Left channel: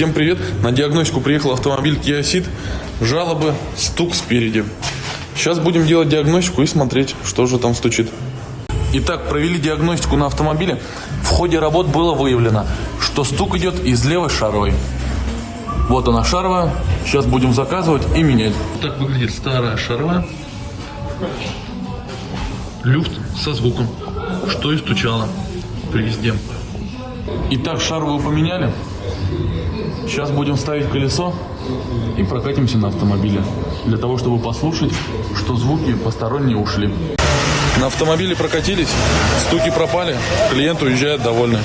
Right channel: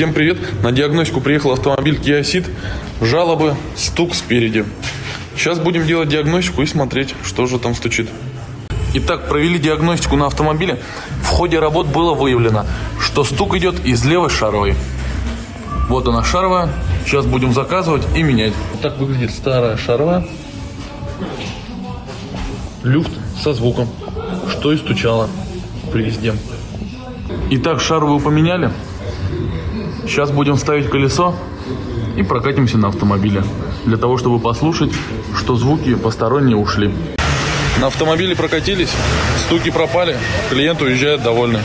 Всем привет! На диагностику приехал автомобиль Kia Ceed. Жалобы, стук спереди. Сейчас будем делать диагностику и смотреть, что же там стучит. Итак, провели диагностику на автомобиле. В ходе работ было выявлено, что стук идет из левой шаровой. Вот она шаровая. Сейчас будем заказывать и менять. Так выглядит старая шаровая. Люфт со звуком, что и стучало при езде. Итак, шаровую поменяли. Сейчас будем ставить колесо и прокатимся на автомобиле, для того, чтобы послушать, что звуки посторонние ушли. На автомобиле прокатились, стуки пропали, клиент уезжает довольный.